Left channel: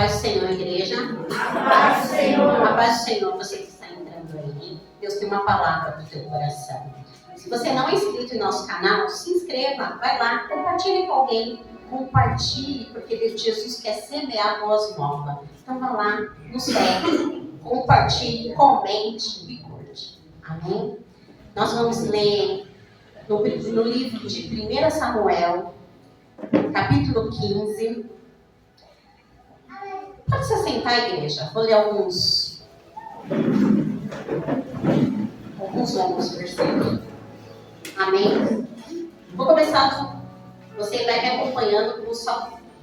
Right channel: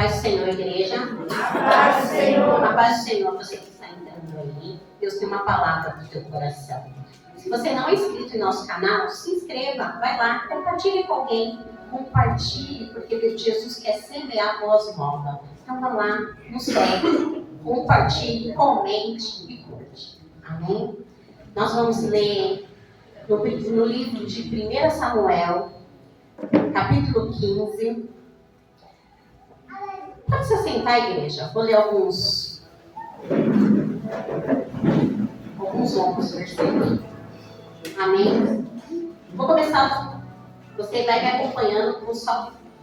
paz do Senhor, igreja. A paz do Senhor. A paz do Senhor, você que está entrando aí. Deus tem uma palavra para o teu coração. Se você não é inscrito em nosso canal, se inscreva, vai lá, compartilhe com alguém. Compartilhe, porque Jesus quer semear a voz nova. Então vá lá, nos segue, compartilhe, comente e curte. Amém? Nós vamos ler no livro de 1 Samuel, capítulo 15. Pode se sentar, igreja. Vou ler alguns longos versículos. Amém? Vou começar. Você vai me acompanhando,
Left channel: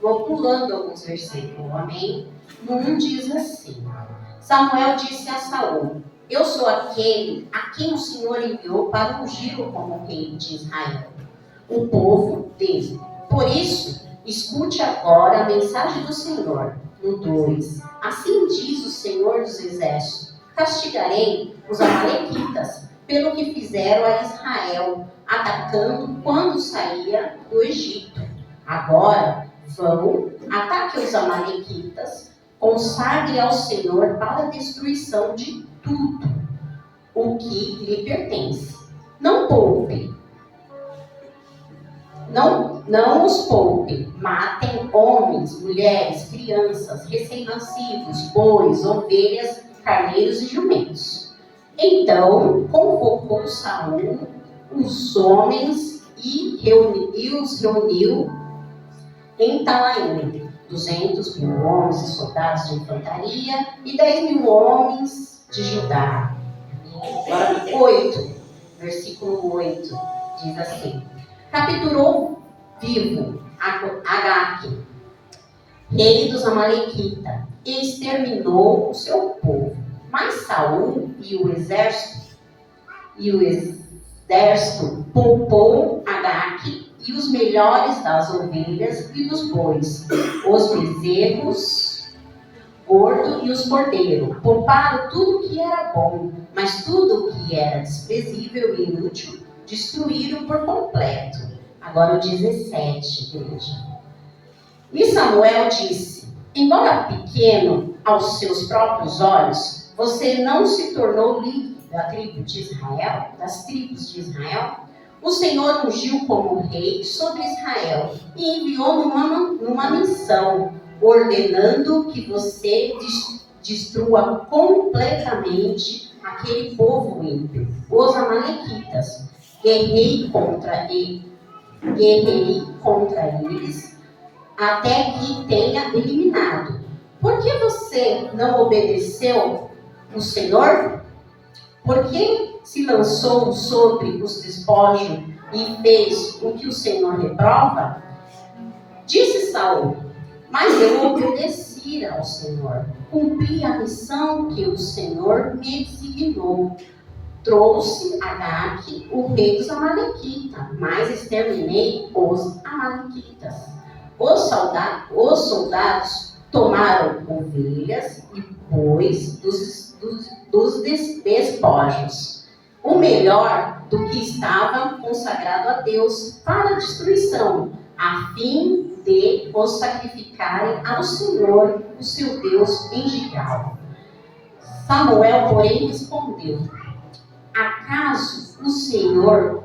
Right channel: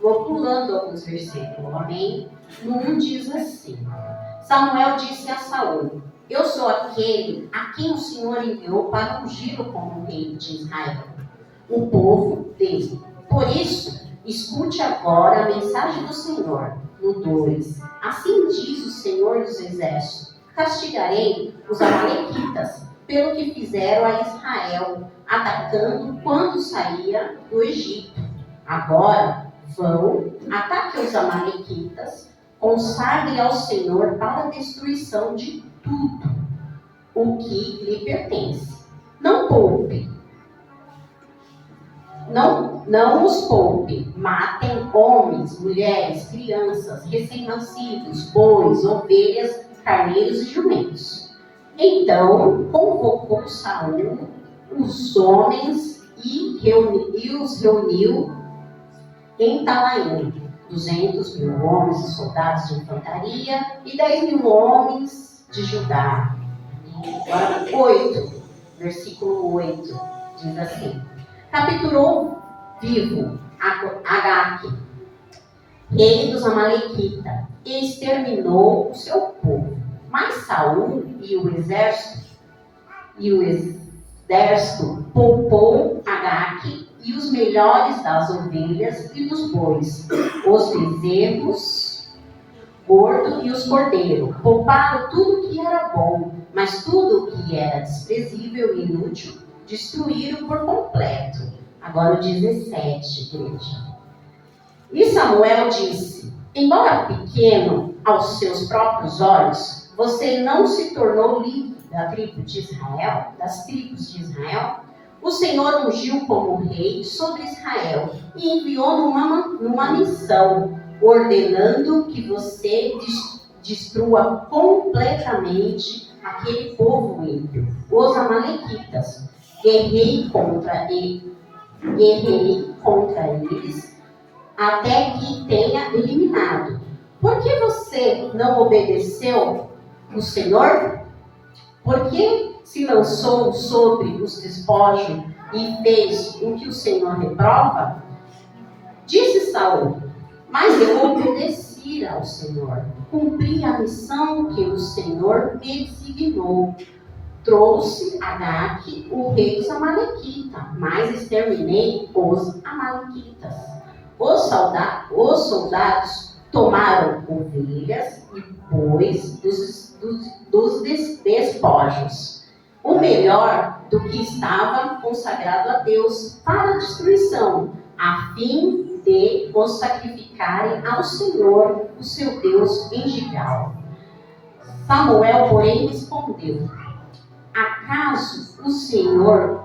vou pulando alguns versículos. Amém? No 1 diz assim: Samuel disse a Saul: Eu sou aquele a quem o Senhor enviou para ungir-o como rei de Israel, o povo dele. Por isso, escute agora a mensagem do Senhor. No 2: Assim diz o Senhor dos Exércitos: Castigarei os amalequitas pelo que fizeram a Israel, atacando quando saía do Egito. Agora vão, ataque os amalequitas, consagre ao Senhor para a destruição de tudo o que lhe pertence. Não poupe. Não os poupe, matem homens, mulheres, crianças, recém-nascidos, bois, ovelhas, carneiros e jumentos. Então convocou Saul os homens e os reuniu em Talaim, 200.000 homens e soldados de infantaria e 10.000 homens de Judá. Agora 8, versículo 8, diz assim: Capturou vivo Agaque, rei dos amalequitas, e exterminou o seu povo. Mas Saul e o exército poupou Agaque e os melhores das ovelhas e dos bois, os bezerros gordos e os cordeiros. Pouparam tudo que era bom, mas tudo que era desprezível e inútil destruíram por completo. Agora o 17, igreja. E Samuel disse: Embora pequeno aos seus próprios olhos, você não se tornou líder das tribos de Israel? O Senhor ungiu como rei sobre Israel e enviou numa missão, ordenando que você destrua completamente aquele povo ímpio, os amalequitas. Guerrei contra eles até que tenha eliminado. Por que você não obedeceu o Senhor? Por que se lançou sobre os despojos e fez o que o Senhor reprova? Disse Saul: Mas eu obedeci ao Senhor, cumpri a missão que o Senhor me designou. Trouxe Agaque, o rei dos amalequitas, mas exterminei os amalequitas. Os soldados tomaram ovelhas e bois dos despojos, o melhor do que estava consagrado a Deus para a destruição, a fim de os sacrificarem ao Senhor, o seu Deus, em Gigal. Samuel, porém, respondeu: Acaso o Senhor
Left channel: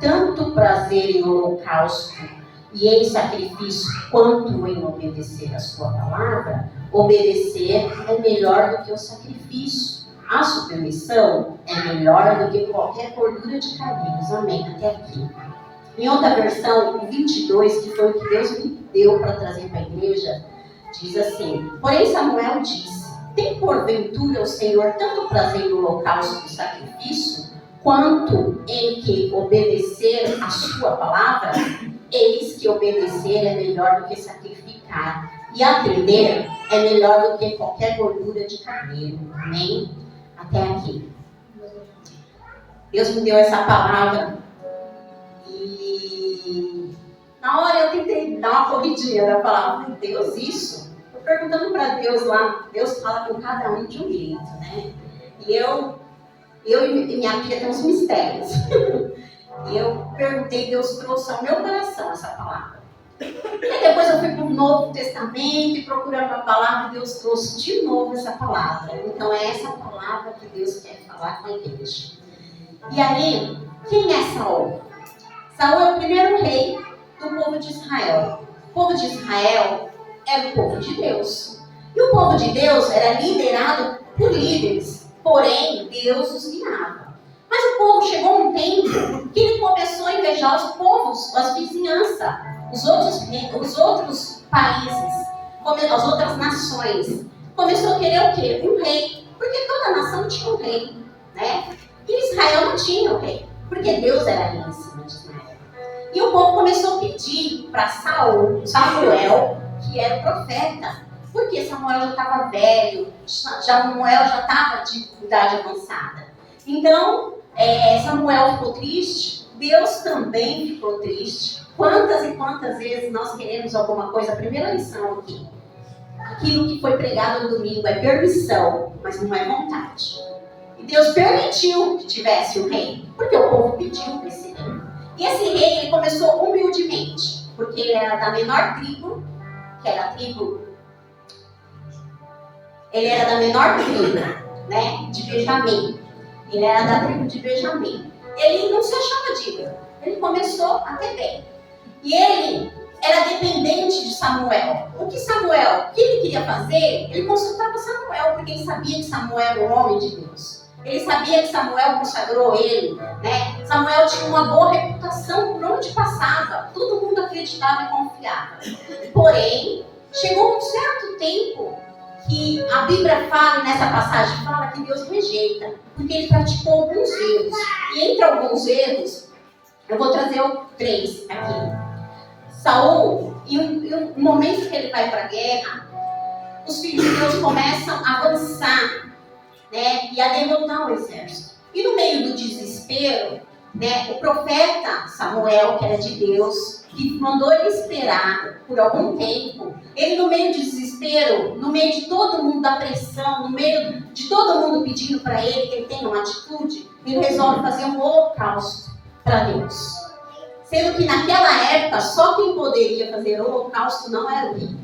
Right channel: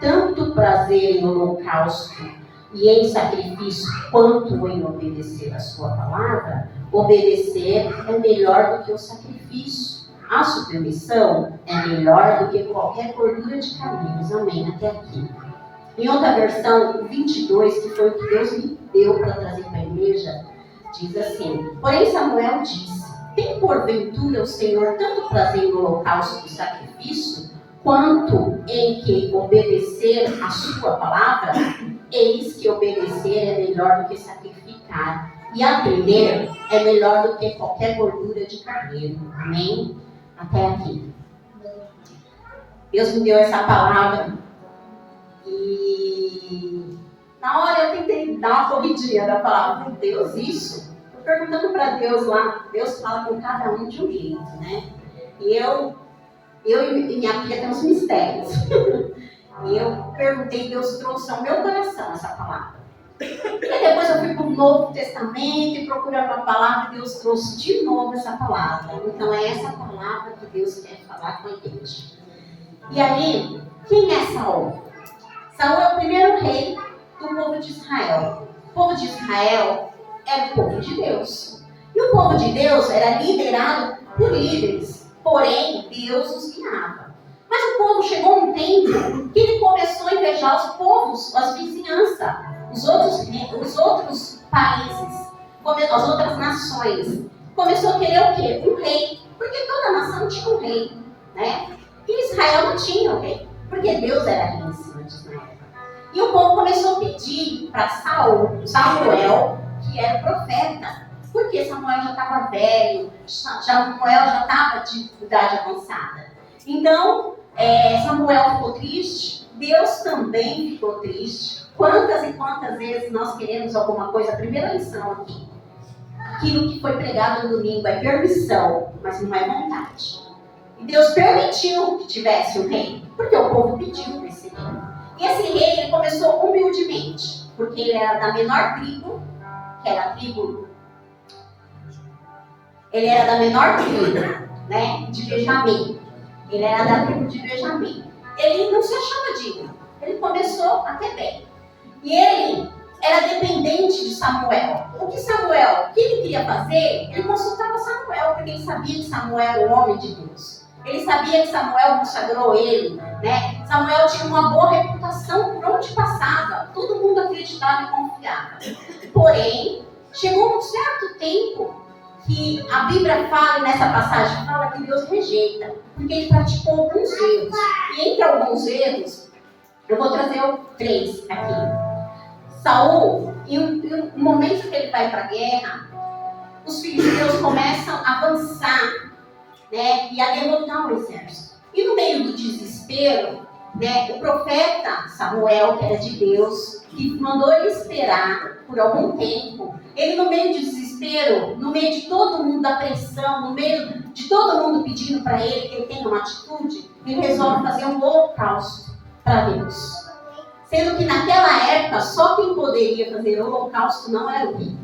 tanto prazer em holocausto e em sacrifício quanto em obedecer a sua palavra? Obedecer é melhor do que o sacrifício. A submissão é melhor do que qualquer gordura de carneiros. Amém? Até aqui. Em outra versão, o 22, que foi o que Deus me deu para trazer para a igreja, diz assim: Porém Samuel disse: Tem porventura o Senhor tanto prazer em holocausto e sacrifício, quanto em que obedecer a sua palavra? Eis que obedecer é melhor do que sacrificar, e atender é melhor do que qualquer gordura de carneiro. Amém? Até aqui. Deus me deu essa palavra e na hora eu tentei dar uma corridinha da palavra. Deus, isso? Estou perguntando para Deus lá. Deus fala com cada um de um jeito, né? E eu e minha filha temos mistérios. E eu perguntei, Deus trouxe ao meu coração essa palavra. E depois eu fui para o Novo Testamento e procurando a palavra, Deus trouxe de novo essa palavra. Então é essa palavra que Deus quer falar com a igreja. E aí, quem é Saul? Saul é o primeiro rei do povo de Israel. O povo de Israel era o povo de Deus. E o povo de Deus era liderado por líderes, porém Deus os guiava. Mas o povo chegou um tempo que ele começou a invejar os povos, as vizinhanças, os outros países, as outras nações. Começou a querer o quê? Um rei, porque toda nação tinha um rei, né? E Israel não tinha um rei, porque Deus era rei em cima de Israel. E o povo começou a pedir para Samuel, que era o profeta, porque Samuel já estava velho, Samuel já estava de idade avançada. Então, Samuel ficou triste, Deus também ficou triste. Quantas e quantas vezes nós queremos alguma coisa? A primeira lição aqui. Aquilo que foi pregado no domingo é permissão, mas não é vontade. E Deus permitiu que tivesse um rei, porque o povo pediu para esse rei. E esse rei, ele começou humildemente, porque ele era da menor tribo, que era a tribo... Ele era da menor tribo, né, de Benjamim. Ele era da tribo de Benjamim. Ele não se achava digno. Ele começou até bem. E ele era dependente de Samuel. O que ele queria fazer, ele consultava Samuel, porque ele sabia que Samuel era o homem de Deus. Ele sabia que Samuel consagrou ele, né? Samuel tinha uma boa reputação por onde passava. Todo mundo acreditava e confiava. Porém, chegou um certo tempo que a Bíblia fala, e nessa passagem fala que Deus rejeita, porque ele praticou alguns erros. E entre alguns erros, eu vou trazer 3 aqui. Saul, em um momento que ele vai para a guerra, os filhos de Deus começam a avançar, né, e a derrotar o exército. E no meio do desespero, né, o profeta Samuel, que era de Deus, que mandou ele esperar por algum tempo, ele no meio do desespero, no meio de todo mundo da pressão, no meio de todo mundo pedindo para ele que ele tenha uma atitude, ele resolve fazer um holocausto para Deus. Sendo que naquela época, só quem poderia fazer o holocausto não era o rei.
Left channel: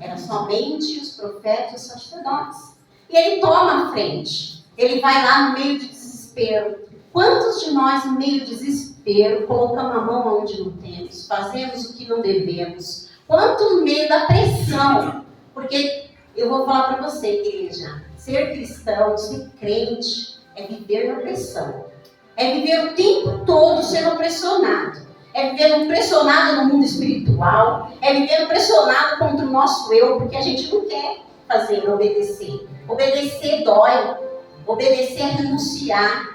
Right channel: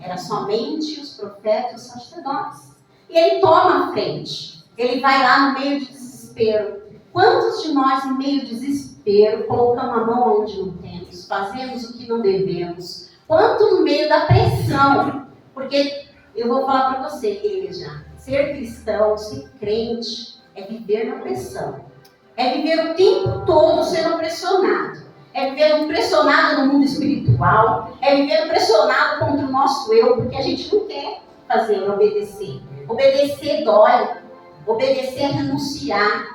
Era somente os profetas e os sacerdotes. E ele toma a frente. Ele vai lá no meio de desespero. Quantos de nós, no meio de desespero, colocamos a mão onde não temos, fazemos o que não devemos? Quantos no meio da pressão? Porque eu vou falar para você, igreja, ser cristão, ser crente, é viver na pressão. É viver o tempo todo sendo pressionado. É viver pressionado no mundo espiritual. É viver pressionado contra o nosso eu, porque a gente não quer fazer, obedecer. Obedecer dói. Obedecer é renunciar.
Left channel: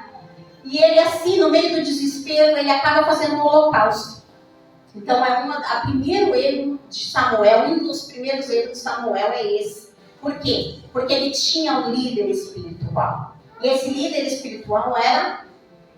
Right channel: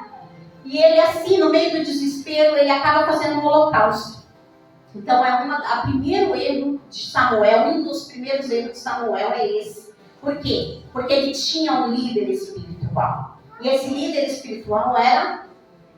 E ele assim, no meio do desespero, ele acaba fazendo um holocausto. Então, a primeiro erro de Samuel, um dos primeiros erros de Samuel é esse. Por quê? Porque ele tinha um líder espiritual. E esse líder espiritual era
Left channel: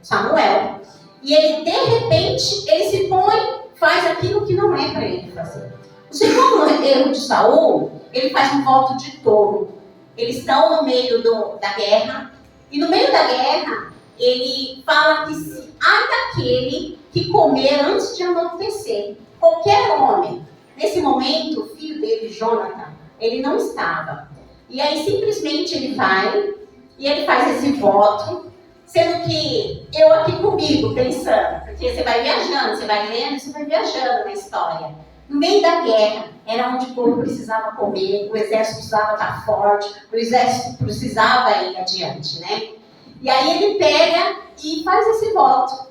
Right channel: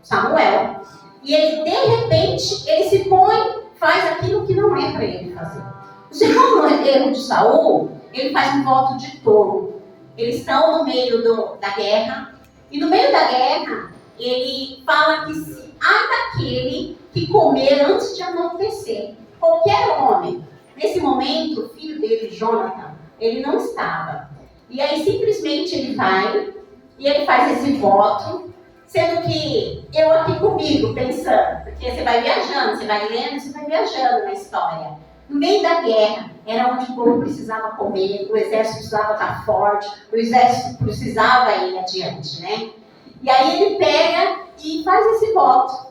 Samuel. E ele, de repente, ele se põe, faz aquilo que não é para ele fazer. O segundo erro de Saul, ele faz um voto de tolo. Eles estão no meio da guerra. E no meio da guerra, ele fala que se há daquele que comer antes de anoitecer. Qualquer homem. Nesse momento, o filho dele, Jonathan, ele não estava. E aí, simplesmente, ele vai e ele faz esse voto. Sendo que eu aqui comigo, pensando, porque você vai viajando, você vai lendo, você vai viajando na história. No meio da guerra, era onde o povo precisava comer, o exército precisava estar forte, o exército precisava ir adiante, né? E aí ele pega e faz esse voto.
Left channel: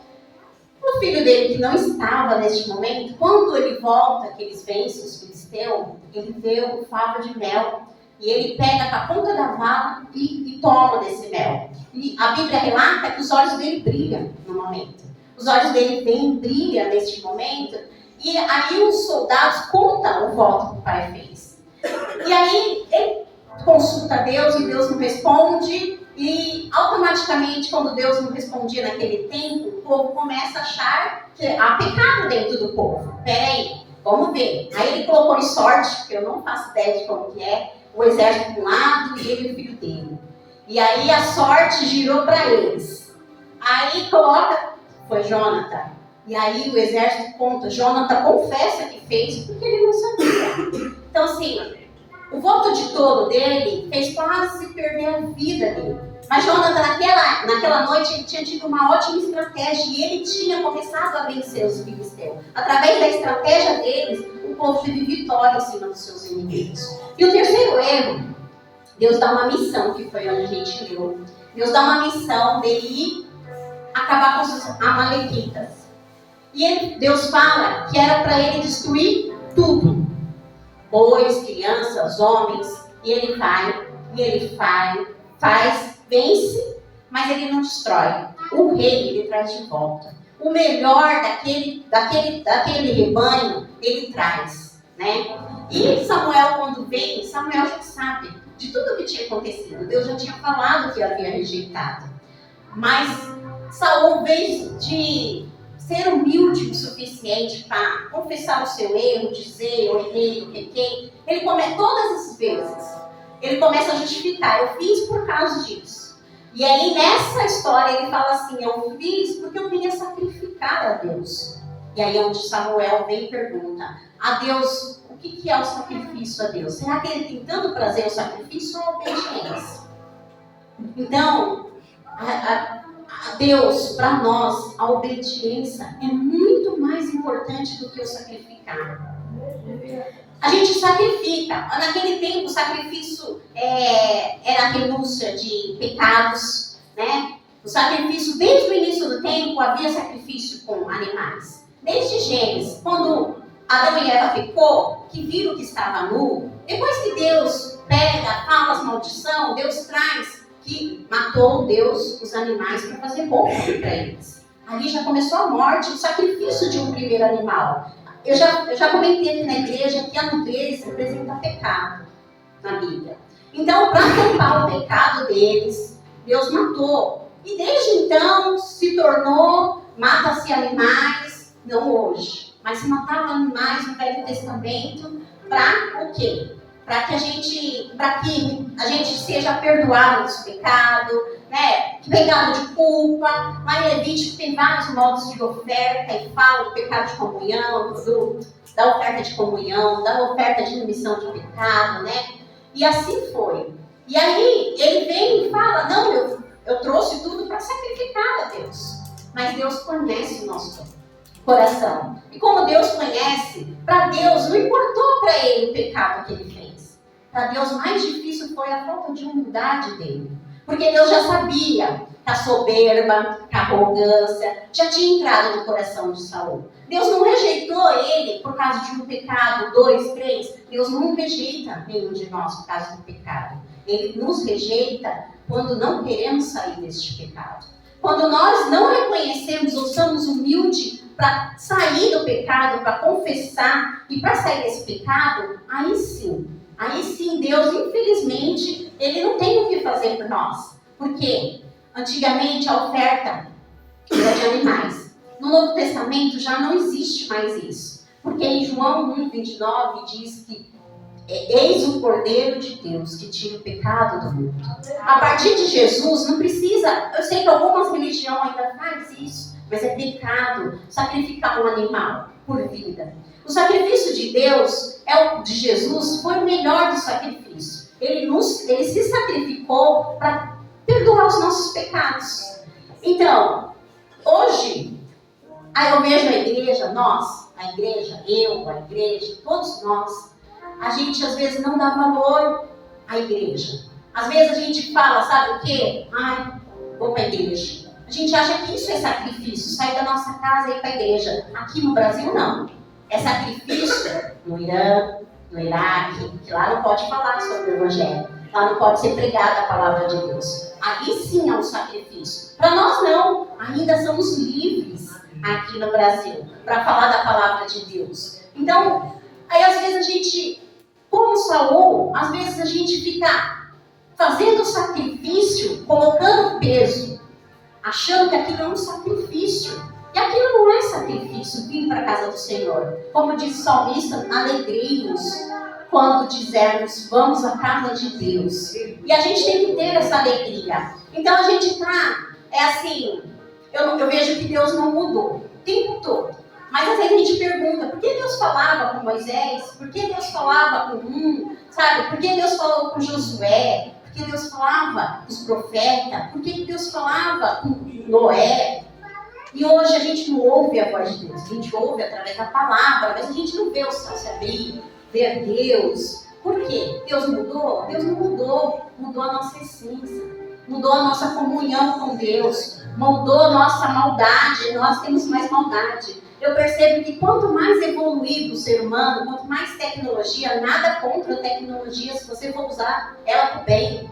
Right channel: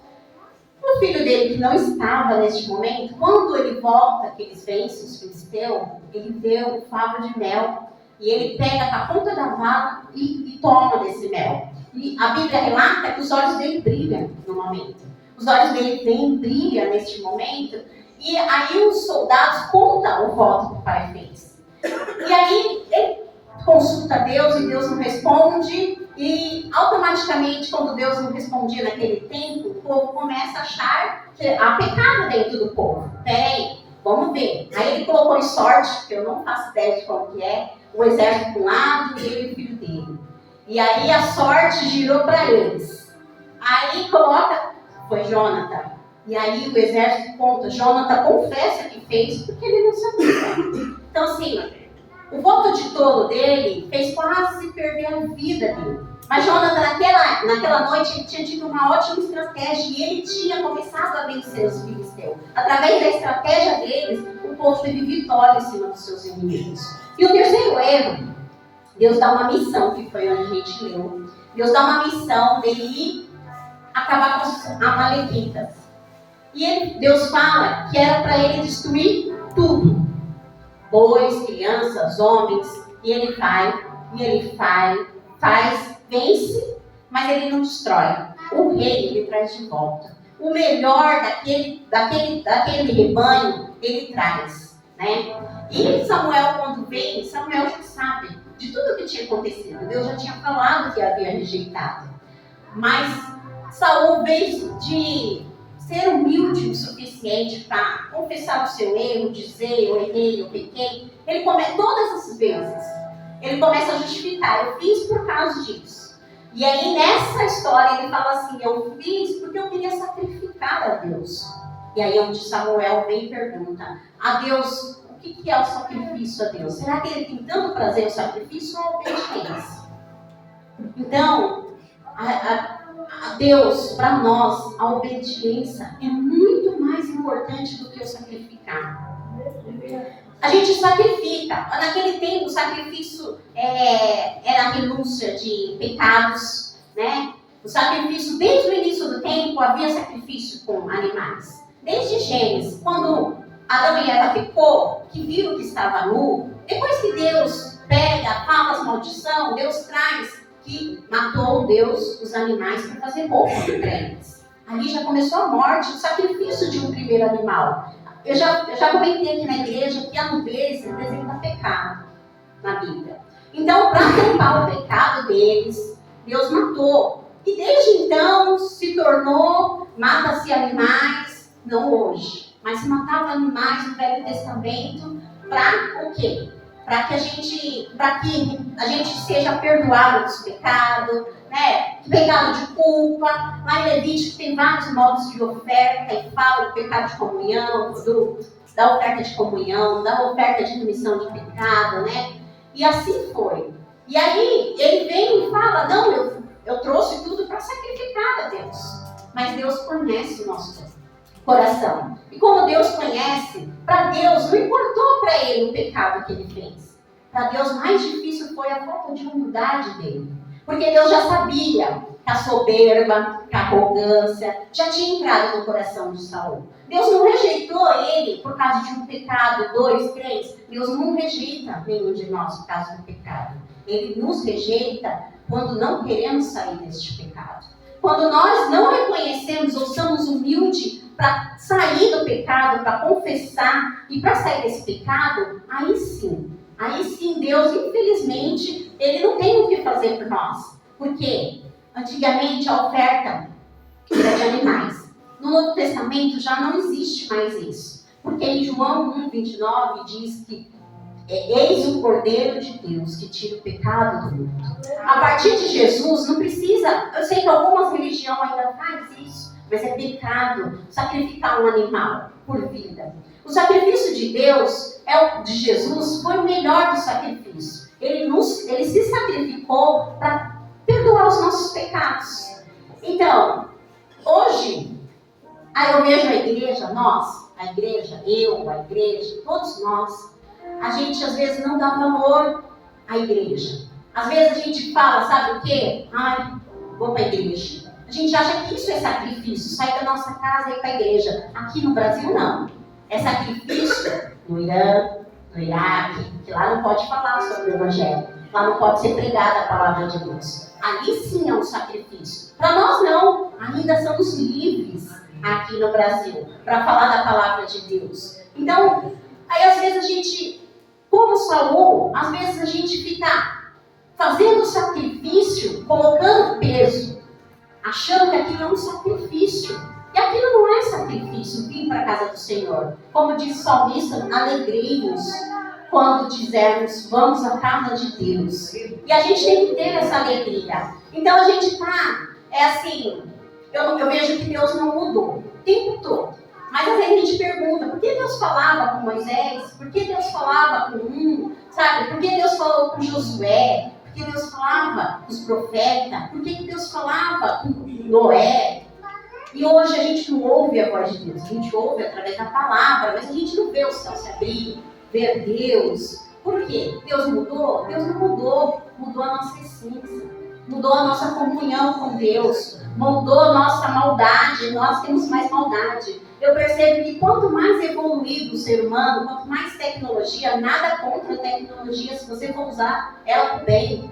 O filho dele, que não estava neste momento, quando ele volta, que eles vencem os filisteus, ele vê o favo de mel. E ele pega com a ponta da vara e toma desse mel. E a Bíblia relata que os olhos dele brilham no momento. Os olhos dele brilham neste momento. E aí os soldados contam o voto que o pai fez. E aí ele consulta Deus e Deus não responde. E automaticamente, quando Deus não respondia naquele tempo, o povo começa a achar que há pecado dentro do povo. Peraí, vamos ver. Aí ele colocou em sorte, que eu não faço ideia de como que é, o exército de um lado e ele e o filho dele. E aí a sorte girou para eles. Aí coloca, foi Jonathan. E aí o exército conta, Jonathan confessa que fez porque ele não sabia. Então assim, o voto de tolo dele fez quase perder a vida dele. Mas Jonathan, naquela noite, ele tinha tido uma ótima estratégia e ele tinha começado a vencer os filisteus. Através da estratégia deles, o povo teve vitória em cima dos seus inimigos. E o terceiro erro, Deus dá uma missão, que foi onde a gente leu. Deus dá uma missão dele ir acabar com os amalequitas. E Deus fala que era para ele destruir tudo. Bois, crianças, homens. E ele vai, faz, vence, mas ele não destrói. O rei, ele traz de volta. O melhor daquele rebanho, ele traz, né? E Samuel, quando vem, Samuel já sabe de tudo o que tinha acontecido. Deus já tinha falado que havia rejeitado. Mas Saul, em vez de ser humilde o suficiente para confessar o seu erro, dizer eu errei, eu pequei, ele comete todas essas vezes. Ele começa a justificar, eu fiz por causa disso. E aí nessa história ele fala assim, eu fiz porque eu queria sacrificar a Deus. E aí é onde Samuel vem e pergunta, a Deus, o que é o sacrifício a Deus? Será que ele tem tanto prazer o sacrifício ou a obediência? Então, a Deus, para nós, a obediência é muito mais importante do que o sacrificar. A gente sacrifica. Naquele tempo, o sacrifício era a renúncia de pecados, né? O sacrifício, desde o início do tempo, havia sacrifício com animais. Desde Gênesis, quando Adão e Eva pecou, que viram que estava nu, depois que Deus pega, fala as maldição, Deus traz que matou Deus os animais para fazer roupa para eles. Ali já começou a morte, o sacrifício de um primeiro animal. Eu já comentei aqui na igreja que a nudez representa pecado na Bíblia. Então, para tampar o pecado deles, Deus matou. E desde então se tornou, mata-se animais, não hoje, mas se matava animais no Velho Testamento para o quê? Para que a gente seja perdoado dos pecados, né? Pecado de culpa. Lá em Levítico tem vários modos de oferta e fala do pecado de comunhão, da oferta de comunhão, da oferta de remissão de pecado, né? E assim foi. E aí ele vem e fala, não, eu trouxe tudo para sacrificar a Deus. Mas Deus conhece o nosso coração. E como Deus conhece, para Deus não importou para ele o pecado que ele fez. Para Deus mais difícil foi a falta de humildade dele. Porque Deus já sabia que a soberba, que a arrogância já tinha entrado no coração de Saul. Deus não rejeitou ele por causa de um pecado, 2, 3. Deus não rejeita nenhum de nós por causa do pecado. Ele nos rejeita quando não queremos sair deste pecado. Quando nós não reconhecemos ou somos humildes para sair do pecado, para confessar e para sair desse pecado, aí sim, Deus, infelizmente, ele não tem o que fazer por nós. Por quê? Antigamente a oferta era de animais. No Novo Testamento já não existe mais isso. Porque em João 1:29 diz que eis o Cordeiro de Deus que tira o pecado do mundo. A partir de Jesus não precisa, eu sei que algumas religiões ainda fazem isso, mas é pecado sacrificar um animal por vida. O sacrifício de Deus, de Jesus, foi o melhor do sacrifício. Ele se sacrificou para perdoar os nossos pecados. Então, hoje, aí eu vejo a igreja, todos nós, a gente às vezes não dá valor à igreja. Às vezes a gente fala, sabe o quê? Vou para a igreja. A gente acha que isso é sacrifício, sair da nossa casa e ir para a igreja. Aqui no Brasil, não. É sacrifício no Irã, no Iraque, que lá não pode falar sobre o Evangelho. Lá não pode ser pregada a palavra de Deus. Ali sim é um sacrifício. Para nós não. Ainda somos livres aqui no Brasil para falar da palavra de Deus. Então, aí às vezes a gente, como Saul, às vezes a gente fica fazendo sacrifício, colocando peso, achando que aquilo é um sacrifício. E aquilo não é sacrifício, vir para a casa do Senhor. Como diz o salmista, alegrei-nos quando dizermos, vamos à casa de Deus. E a gente tem que ter essa alegria. Então a gente eu vejo que Deus não mudou. o tempo todo. Mas às vezes a gente pergunta, por que Deus falava com Moisés? Por que Deus falava com sabe? Por que Deus falou com Josué? Por que Deus falava com os profetas? Por que Deus falava com Noé? E hoje a gente não ouve a voz de Deus, a gente ouve através da palavra, mas a gente não vê o céu se abrir, ver Deus. Por quê? Deus mudou? Deus não mudou, mudou a nossa essência, mudou a nossa comunhão com Deus, mudou a nossa maldade, nós temos mais maldade. Eu percebo que quanto mais evoluído o ser humano, quanto mais tecnologia, nada contra a tecnologia, se você for usar ela para o bem.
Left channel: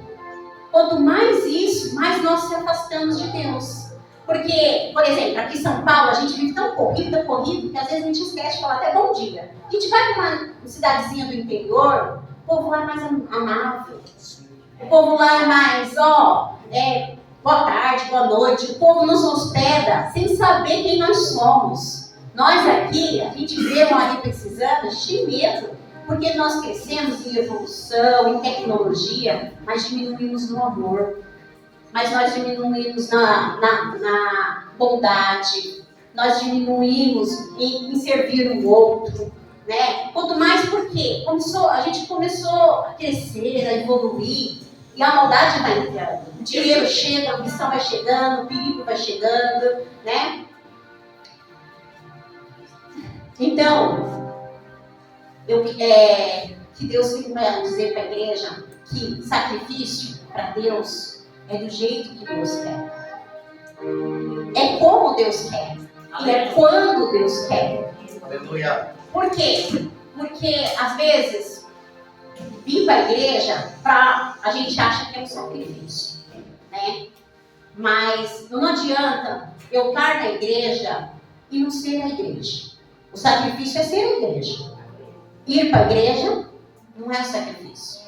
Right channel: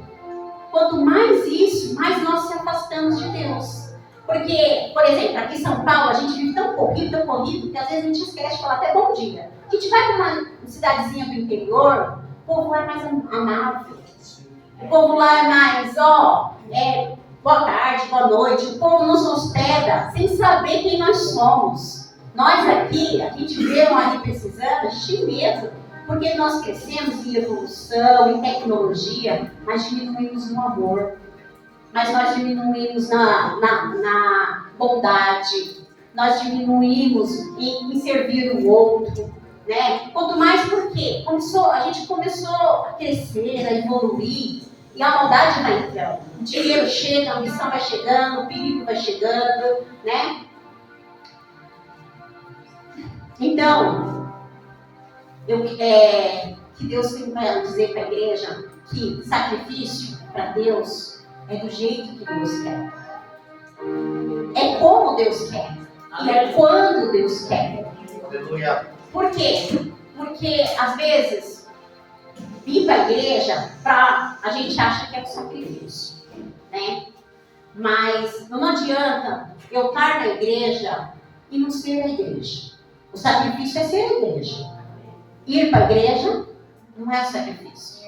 Quanto mais isso, mais nós se afastamos de Deus. Porque, por exemplo, aqui em São Paulo, a gente vive tão corrido, que às vezes a gente esquece de falar até bom dia. A gente vai para uma cidadezinha do interior, o povo lá é mais amável. O povo lá é mais, boa tarde, boa noite. O povo nos hospeda sem saber quem nós somos. Nós aqui, a gente vê um ali precisando, a gente tem medo. Porque nós crescemos em evolução, em tecnologia, mas diminuímos no amor. Mas nós diminuímos na bondade, nós diminuímos em servir o outro, né? Quanto mais porque a gente começou a crescer, a evoluir, e a maldade vai entrando. O dinheiro chega, a ambição vai chegando, o perigo vai chegando, né? Então, que Deus vai dizer para a igreja que sacrifício para Deus é do jeito que Deus quer. É como Deus quer. E é quando Deus quer. Aleluia. Por quê? Porque, às vezes, vir para a igreja, a gente acha que é um sacrifício. Né? Mas não adianta eu estar na igreja e não ser a igreja. O sacrifício é ser a igreja. Ir para a igreja não é o sacrifício.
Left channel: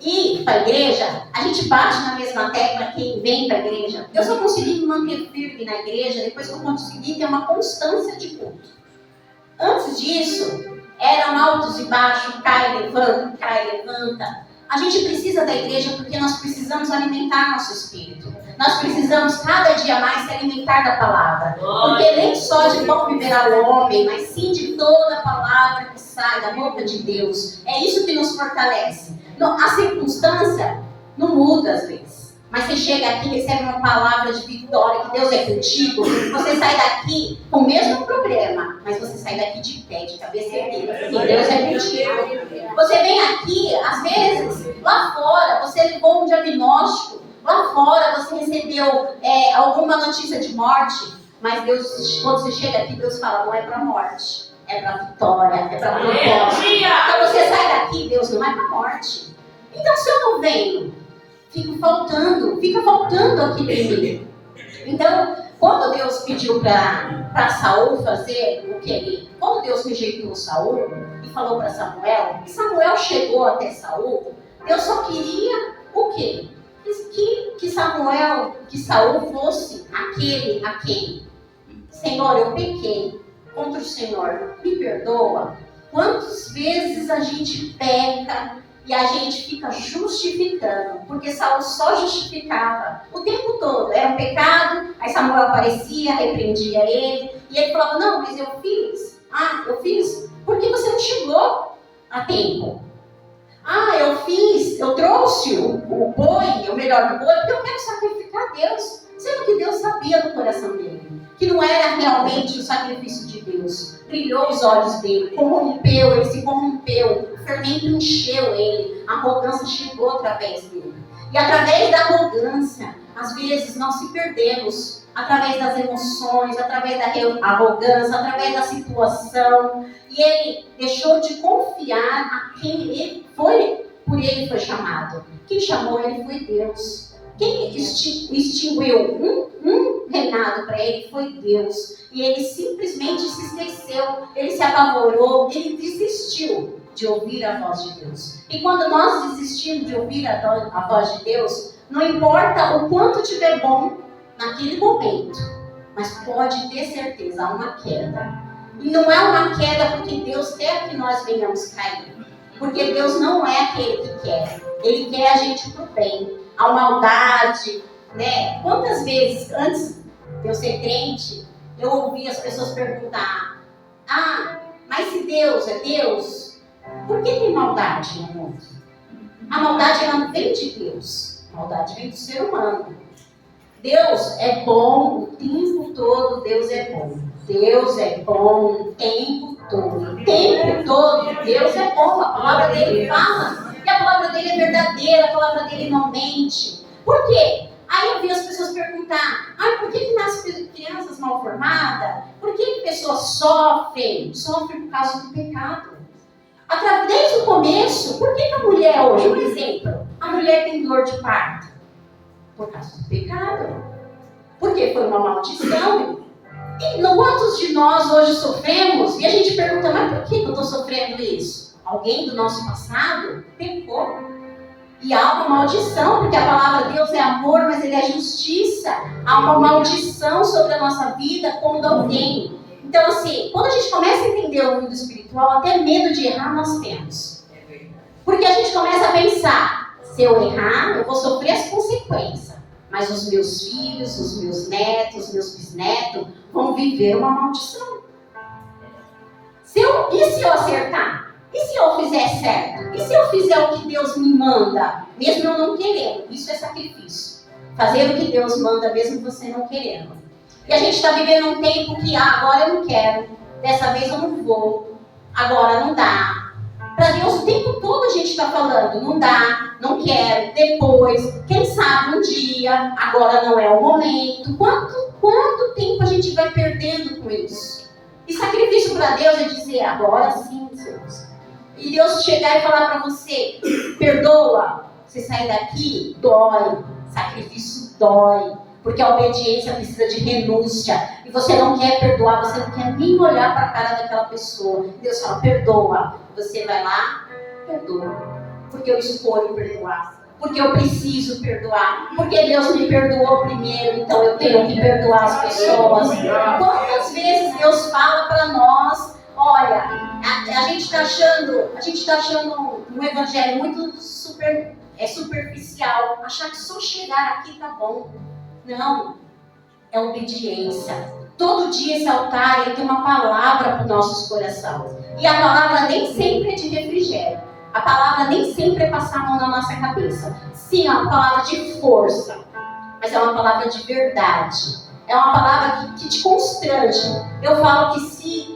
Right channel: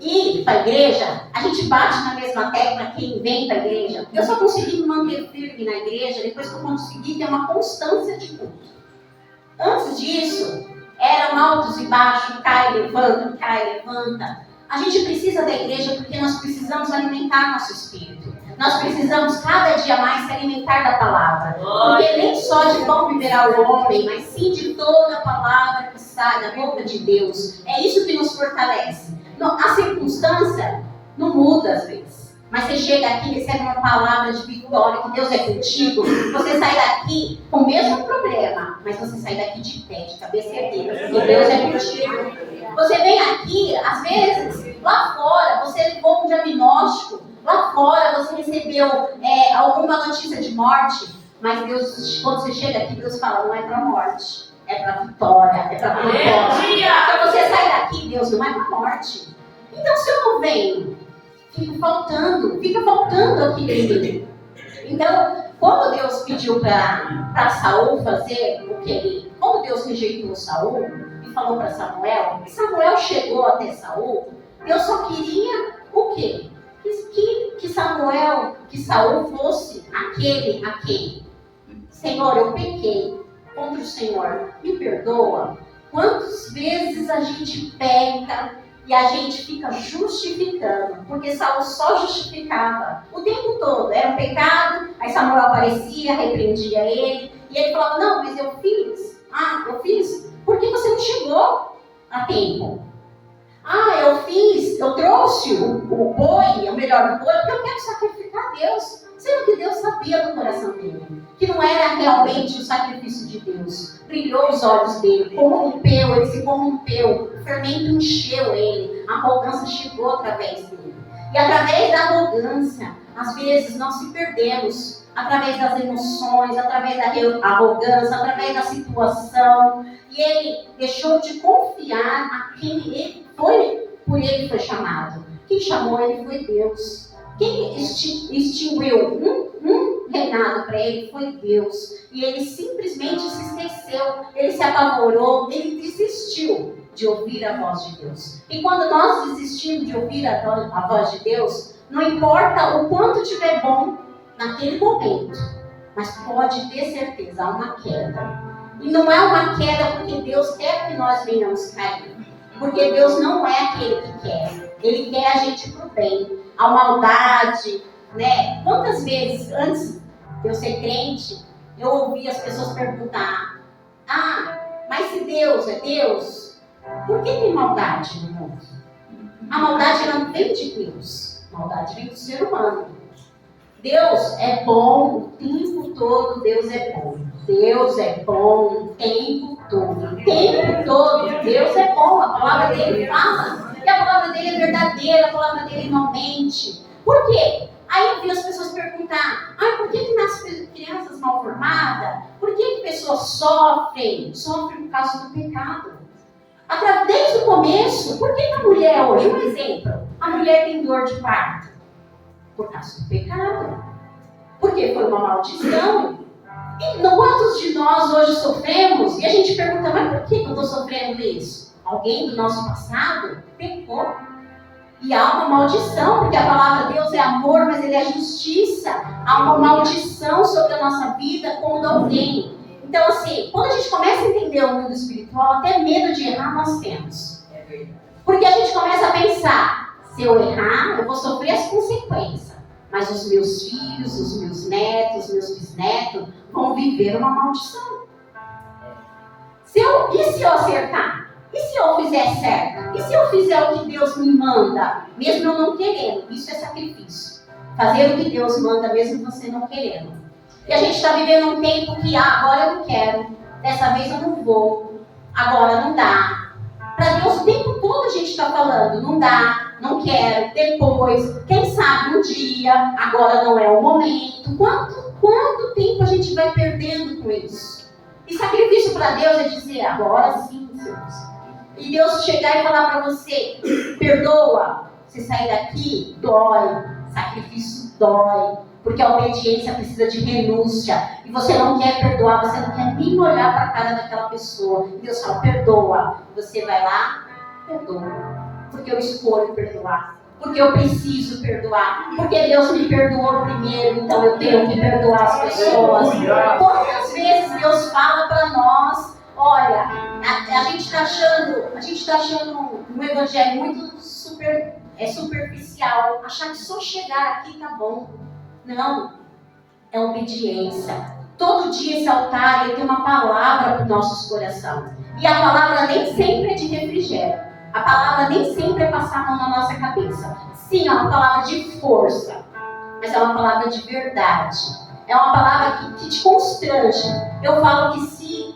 Ir para a igreja, a gente bate na mesma tecla quem vem para a igreja. Eu só consegui me manter firme na igreja depois que eu consegui ter uma constância de culto. Antes disso, eram altos e baixos, cai, levanta. A gente precisa da igreja porque nós precisamos alimentar nosso espírito. Nós precisamos cada dia mais se alimentar da palavra. Porque nem só de pão viverá o homem, mas sim de toda a palavra que sai da boca de Deus. É isso que nos fortalece. A circunstância não muda às vezes. Mas você chega aqui e recebe uma palavra de vitória, que Deus é contigo. Você sai daqui com o mesmo problema, mas você sai daqui de pé, de cabeça erguida, porque Deus é contigo. Você vem aqui, às vezes, lá fora, você levou um diagnóstico. Lá fora você recebeu alguma notícia de morte, mas Deus, quando você chega aqui, Deus fala, não é para morte, é para vitória, é para propósito. Então você sai daqui, Deus, não é para morte. Então se eu não venho, fica faltando aqui em mim. Então, quando Deus pediu para Saul fazer o que ele... Quando Deus rejeitou Saul e falou para Samuel, e Samuel chegou até Saul, Deus só queria o quê? Que Saul fosse aquele a quem, Senhor, eu pequei contra o Senhor, me perdoa. Quantas vezes a gente peca e a gente fica justificando, porque Saul só justificava o tempo todo, era um pecado, aí Samuel aparecia, repreendia ele, e ele falava, não, mas eu fiz, por que você não chegou a tempo? Eu trouxe o boi, o melhor boi, porque eu quero sacrificar a Deus. Sendo que Deus sabia do coração dele, que não era realmente o sacrifício de Deus. Brilhou os olhos dele, ele se corrompeu, o fermento encheu ele, a arrogância chegou através dele. E através da arrogância, às vezes nós se perdemos, através das emoções, através da arrogância, através da situação. E ele deixou de confiar a quem por ele foi chamado. Quem chamou ele foi Deus. Quem extinguiu um reinado para ele foi Deus. E ele simplesmente se esqueceu, ele se apavorou, ele desistiu de ouvir a voz de Deus. E quando nós desistimos de ouvir a voz de Deus, não importa o quanto tiver bom naquele momento, mas pode ter certeza, há uma queda. E não é uma queda porque Deus quer que nós venhamos cair. Porque Deus não é aquele que quer. Ele quer a gente pro bem. A maldade, né? Quantas vezes, antes de eu ser crente, eu ouvi as pessoas perguntar, mas se Deus é Deus, por que tem maldade no mundo? A maldade não vem de Deus, a maldade vem do ser humano. Deus é bom o tempo todo, Deus é bom. Deus é bom o tempo todo. O tempo todo, Deus é bom. A palavra dele fala. E a palavra dele é verdadeira, a palavra dele não mente. Por quê? Aí eu vi as pessoas perguntar, por que nascem crianças mal formadas? Por que pessoas sofrem? Sofrem por causa do pecado. Desde o começo, por que a mulher hoje, um exemplo, a mulher tem dor de parto? Por causa do pecado. Porque foi uma maldição. E quantos de nós hoje sofremos? E a gente pergunta, mas por que eu estou sofrendo isso? Alguém do nosso passado pecou. E há uma maldição, porque a palavra de Deus é amor, mas ele é justiça. Há uma maldição sobre a nossa vida quando alguém. Então, assim, quando a gente começa a entender o mundo espiritual, até medo de errar nós temos. Porque a gente começa a pensar, se eu errar, eu vou sofrer as consequências. Mas os meus filhos, os meus netos, os meus bisnetos vão viver uma maldição. E se eu acertar? E se eu fizer certo? E se eu fizer o que Deus me manda, mesmo eu não querendo? Isso é sacrifício. Fazer o que Deus manda, mesmo você não querendo. E a gente está vivendo um tempo que, agora eu não quero, dessa vez eu não vou, agora não dá. Para Deus o tempo todo a gente está falando, não dá, não quero, depois, quem sabe um dia, agora não é o momento. Quanto tempo a gente vai perdendo com isso? E sacrifício para Deus é dizer, agora sim, Deus. E Deus chegar e falar para você, perdoa, você sair daqui, dói, sacrifício dói. Porque a obediência precisa de renúncia. E você não quer perdoar, você não quer nem olhar para a cara daquela pessoa. E Deus fala, perdoa. Você vai lá, perdoa. Porque eu escolho perdoar. Porque eu preciso perdoar. Porque Deus me perdoou primeiro, então eu tenho que perdoar as pessoas. Quantas vezes Deus fala para nós, olha, a gente está achando um evangelho muito superficial. Achar que só chegar aqui tá bom. Não, é obediência. Todo dia esse altar ele tem uma palavra para os nossos corações. E a palavra nem sempre é de refrigério. A palavra nem sempre é passar a mão na nossa cabeça. Sim, é uma palavra de força, mas é uma palavra de verdade. É uma palavra que te constrange. Eu falo que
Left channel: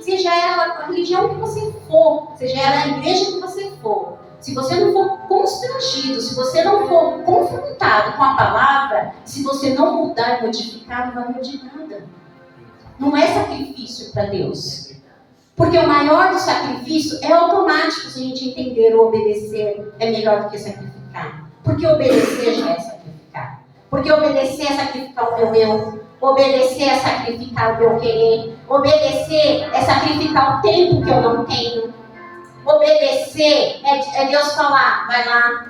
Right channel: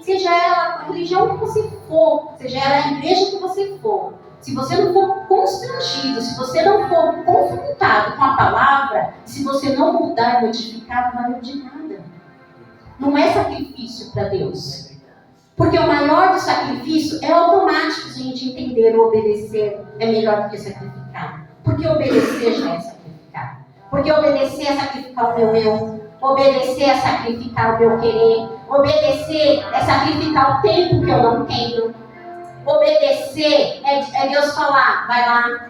seja ela a religião que você for, seja ela a igreja que você for, se você não for constrangido, se você não for confrontado com a palavra, se você não mudar e modificar, não vai de nada. Não é sacrifício para Deus. Porque o maior do sacrifício é automático, se a gente entender o obedecer é melhor do que sacrificar. Porque obedecer já é sacrificar. Porque obedecer é sacrificar o meu eu. Obedecer é sacrificar o meu querer. Obedecer é sacrificar o tempo que eu não tenho. Obedecer é Deus falar, vai lá,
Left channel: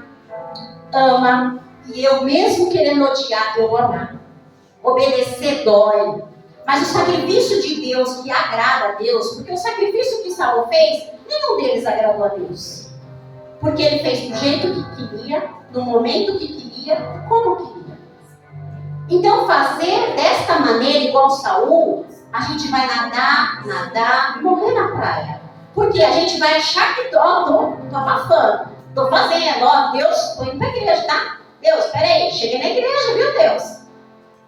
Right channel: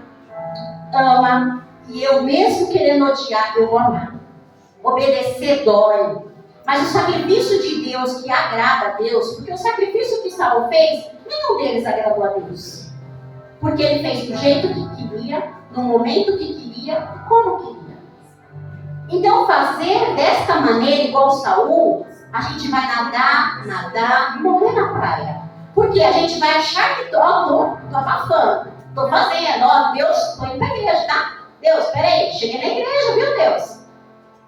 ama, e eu mesmo querendo odiar, eu vou amar. Obedecer dói. Mas o sacrifício de Deus que agrada a Deus, porque o sacrifício que Saul fez, nenhum deles agradou a Deus. Porque ele fez do jeito que queria, no momento que queria, como queria. Então fazer desta maneira, igual Saul, a gente vai nadar, morrer na praia. Porque a gente vai achar que tô abafando, tô fazendo, Deus, tô indo pra igreja, tá? Deus, peraí, cheguei na igreja, viu, Deus?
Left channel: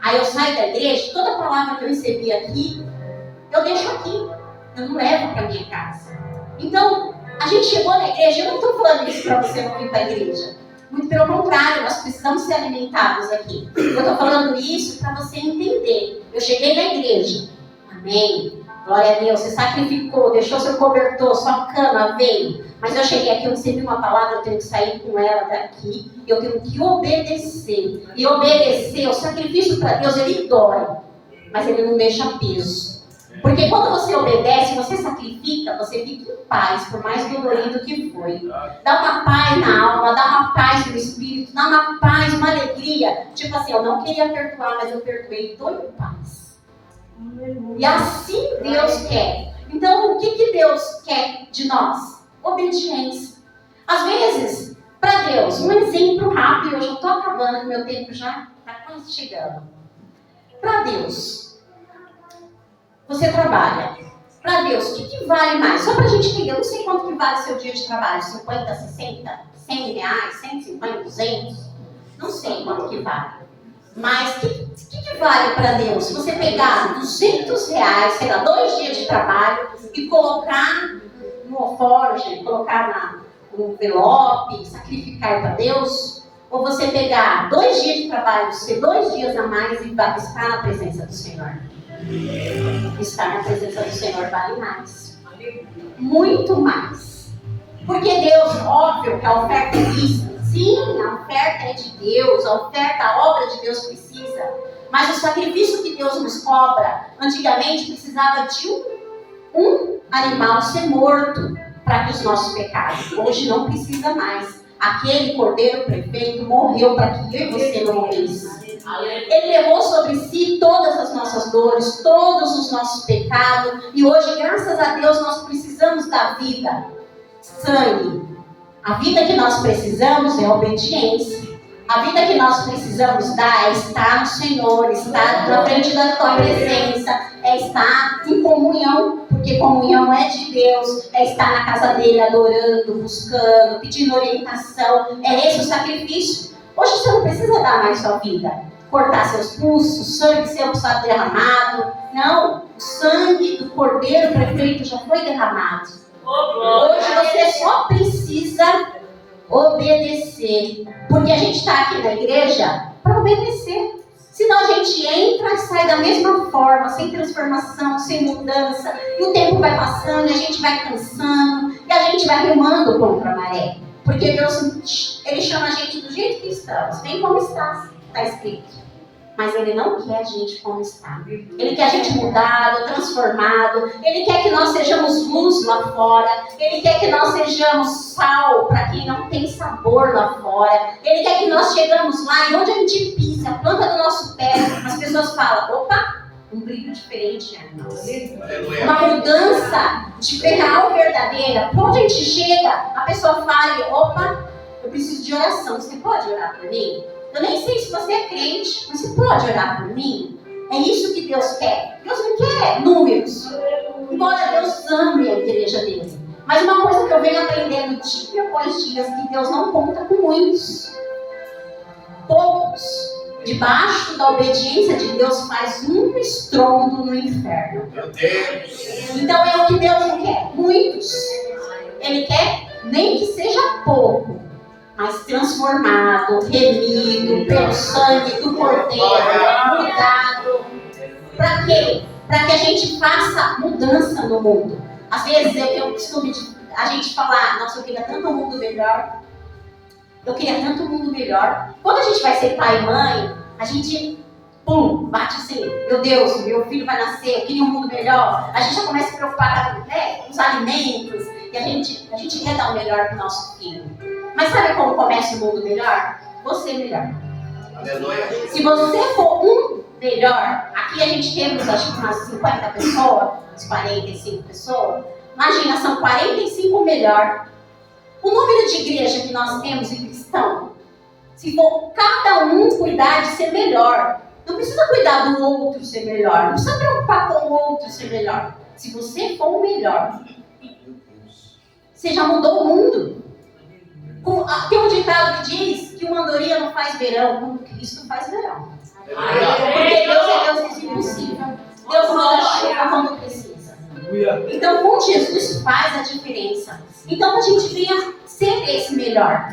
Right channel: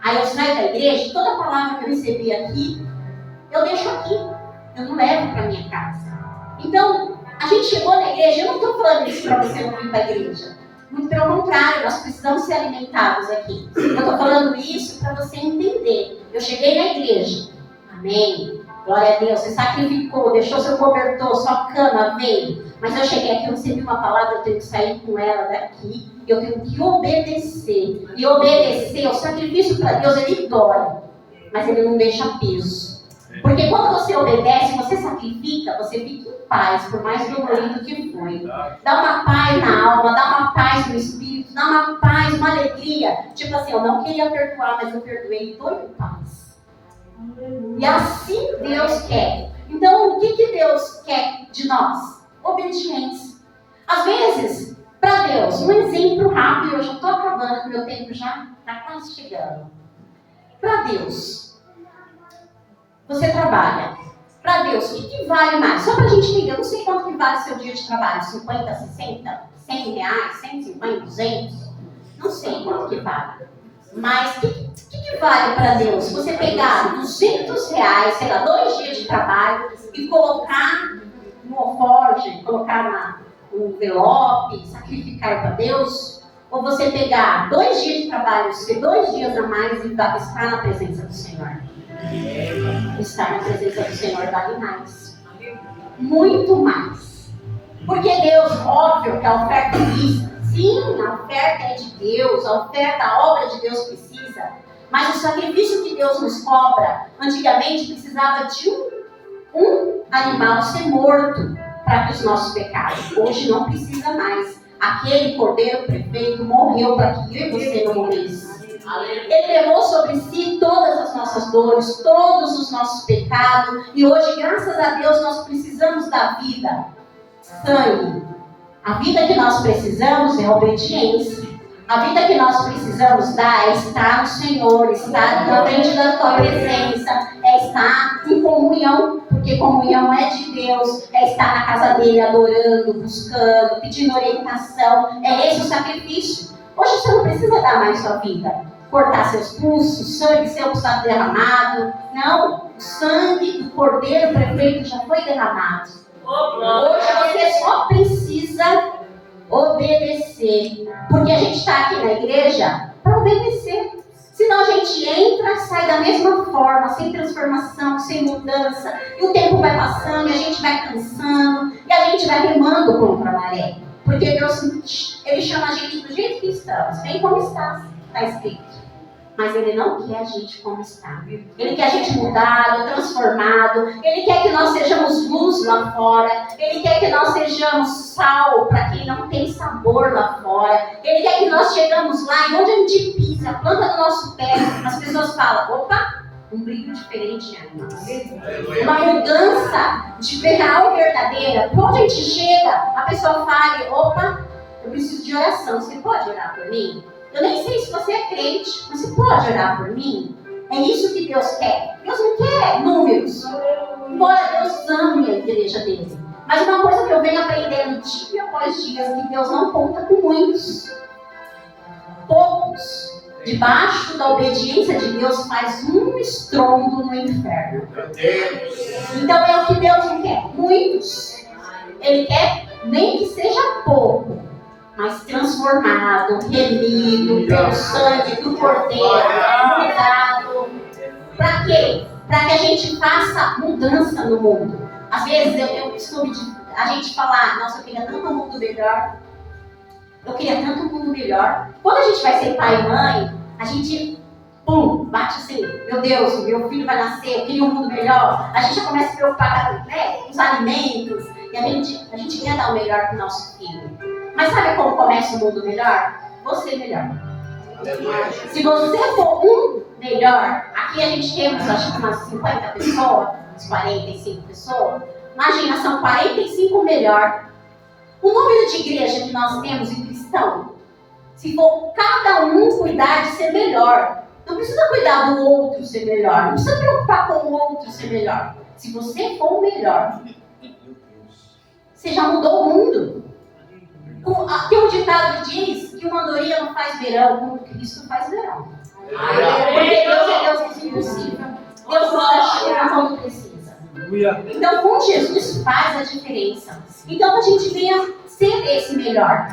Aí eu saio da igreja, toda palavra que eu recebi aqui, eu deixo aqui, eu não levo pra minha casa. Então, a gente chegou na igreja, eu não tô falando isso pra você não vir pra igreja. Muito pelo contrário, nós precisamos ser alimentados aqui. Eu tô falando isso pra você entender. Eu cheguei na igreja, amém? Glória a Deus, você sacrificou, deixou seu cobertor, sua cama, veio. Mas eu cheguei aqui, eu recebi uma palavra, eu tenho que sair com ela daqui. Eu tenho que obedecer. E obedecer, o sacrifício para Deus, ele dói. Mas ele não deixa peso. Porque quando você obedece, você sacrifica, você fica em paz, por mais dolorido que foi. Dá uma paz na alma, dá uma paz no espírito, dá uma paz, uma alegria. Tipo assim, eu não queria perdoar, mas eu perdoei e estou em paz. E assim Deus quer. Então, o que Deus quer de nós? Obediência. Às vezes, para Deus, um exemplo rápido, eu já estou acabando, meu tempo já está quase chegando. Para Deus, você trabalha. Para Deus, o que vale mais? Só para a gente entender, eu não sei quanto que vale seu dia de trabalho, 50, 60, 100 reais, 150, 200, não sei quanto que vale. Mas o que vale para Deus? Se você pegar 200 reais, sei lá, 2 dias de trabalho e colocar no alforje, colocar no envelope, sacrificar para Deus, ou você pegar 2 dias de trabalho, ser 2 dias a mais e estar na presença do Senhor? Estar na presença do Senhor vale mais. Muito mais. Porque Deus, óbvio que a oferta é lícita. Sim, a oferta é de Deus, a oferta, a obra de Deus precisa. Mas o sacrifício que Deus nos cobra, antigamente precisava de um animal ser morto para que os nossos pecados. Hoje não precisa mais. Aquele cordeiro perfeito morreu para que eu e você não morresse. Ele levou sobre si todas as nossas dores, todos os nossos pecados. E hoje, graças a Deus, nós precisamos da vida. Sangue. A vida que nós precisamos é obediência. A vida que nós precisamos dar é estar no Senhor, estar na frente da tua presença, é estar em comunhão, porque comunhão é de Deus, é estar na casa dele adorando, buscando, pedindo orientação. É esse o sacrifício. Hoje você não precisa dar mais sua vida, cortar seus pulsos, sangue seu pulsado derramado. Não, o sangue do cordeiro perfeito já foi derramado. Hoje você só precisa obedecer, porque a gente está aqui na igreja para obedecer. Senão a gente entra e sai da mesma forma, sem transformação, sem mudança, e o tempo vai passando, e a gente vai cansando, e a gente vai remando contra a maré. Porque Deus, Ele chama a gente do jeito que estamos, bem como está escrito. Mas Ele não quer a gente como está. Ele quer a gente mudado, transformado. Ele quer que nós sejamos luz lá fora. Ele quer que nós sejamos sal para quem não tem sabor lá fora. Ele quer que nós chegamos lá e onde a gente pisa, a planta do nosso pé, as pessoas falam, opa, um brilho diferente em nós. Uma mudança de real verdadeira. Para onde a gente chega, a pessoa fala, opa, eu preciso de oração. Você pode orar por mim? Eu nem sei se você é crente, mas você pode orar por mim? É isso que Deus quer. Deus não quer números. Embora Deus ame a igreja dele. Mas uma coisa que eu venho aprendendo dia após dia, que Deus não conta com muitos. Poucos, debaixo da obediência de Deus, faz um estrondo no inferno. Meu Deus. Então é o que Deus não quer. Muitos. Ele quer nem que seja pouco, mas transformado, remido pelo sangue do Cordeiro, mudado. Para quê? Para que a gente faça mudança no mundo. Às vezes eu costumo a gente falar, nossa, eu queria tanto um mundo melhor. Eu queria tanto um mundo melhor. Quando a gente vai ser pai e mãe, a gente, bate assim, meu Deus, meu filho vai nascer, eu queria um mundo melhor. A gente já começa a se preocupar com os alimentos. E a gente quer dar o melhor para o nosso filho. Mas sabe como começa o mundo melhor? Você melhor. Aleluia. Se você for um melhor, aqui a gente temos acho que umas 50 pessoas, uns 45 pessoas. Imagina, são 45 melhor. O número de igreja que nós temos em cristão, se for cada um cuidar de ser melhor, não precisa cuidar do outro ser melhor, não precisa preocupar com o outro ser melhor. Se você for o melhor, você já mudou o mundo. Tem um ditado que diz que uma andorinha não faz verão, como Cristo faz verão. Porque Deus é Deus do impossível. Deus manda chuva quando precisa. Então, com Jesus faz a diferença. Então, que a gente venha ser esse melhor.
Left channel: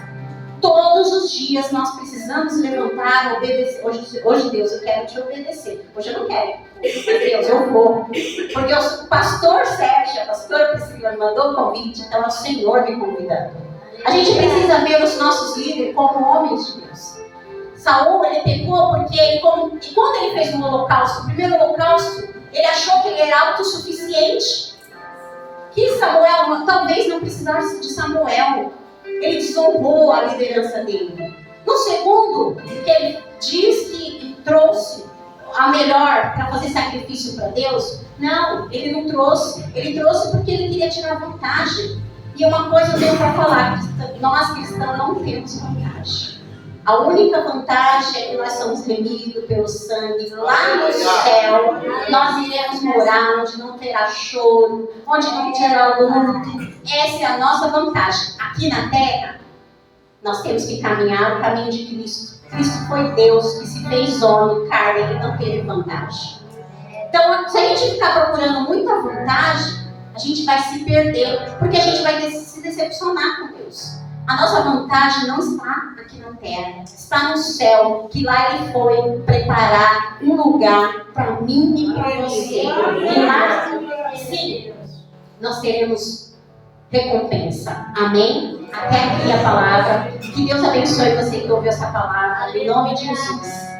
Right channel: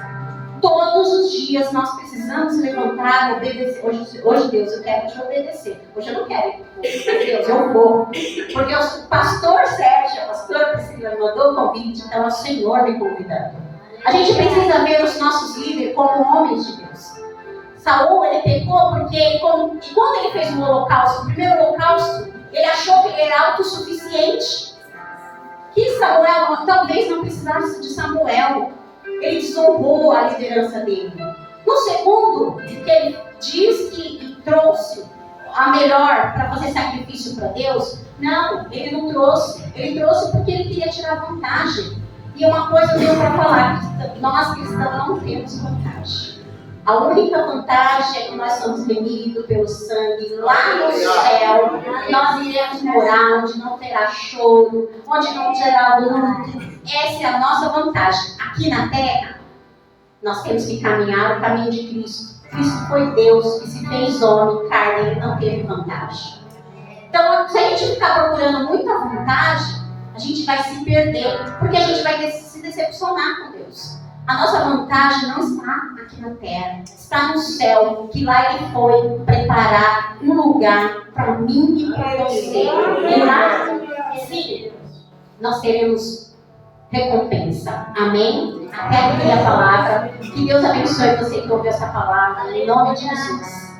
Todos os dias nós precisamos levantar, obedecer. Hoje, Deus, eu quero te obedecer. Hoje eu não quero. Mas, Deus, eu vou. Porque o pastor Sérgio, a pastora Priscila me mandou o convite, então é o Senhor me convidando. A gente precisa ver os nossos líderes como homens de Deus. Saul, ele pecou porque e quando ele fez um holocausto, o primeiro holocausto, ele achou que ele era autossuficiente. Que Samuel talvez não precisasse de Samuel. Ele desonrou a liderança dele. No segundo, que ele diz que trouxe a melhor para fazer sacrifício para Deus, não, ele não trouxe. Ele trouxe porque ele queria tirar vantagem. E uma coisa eu tenho para falar, nós cristãos não temos vantagem. A única vantagem é que nós somos remidos pelo sangue. Lá no céu, nós iremos morar onde não terá choro, onde não terá luto. Essa é a nossa vantagem. Aqui na terra, nós temos que caminhar o caminho de Cristo. Cristo foi Deus que se fez homem, carne, ele não teve vantagem. Então, se a gente ficar procurando muita vantagem, a gente vai se perder, porque a gente vai se decepcionar com Deus. A nossa vantagem não está aqui na terra, está no céu, que lá Ele foi preparar um lugar para mim e para você. E lá, sim, nós teremos recompensa. Amém? Até aqui a palavra. Que Deus abençoe você que ouviu essa palavra. Em nome de Jesus.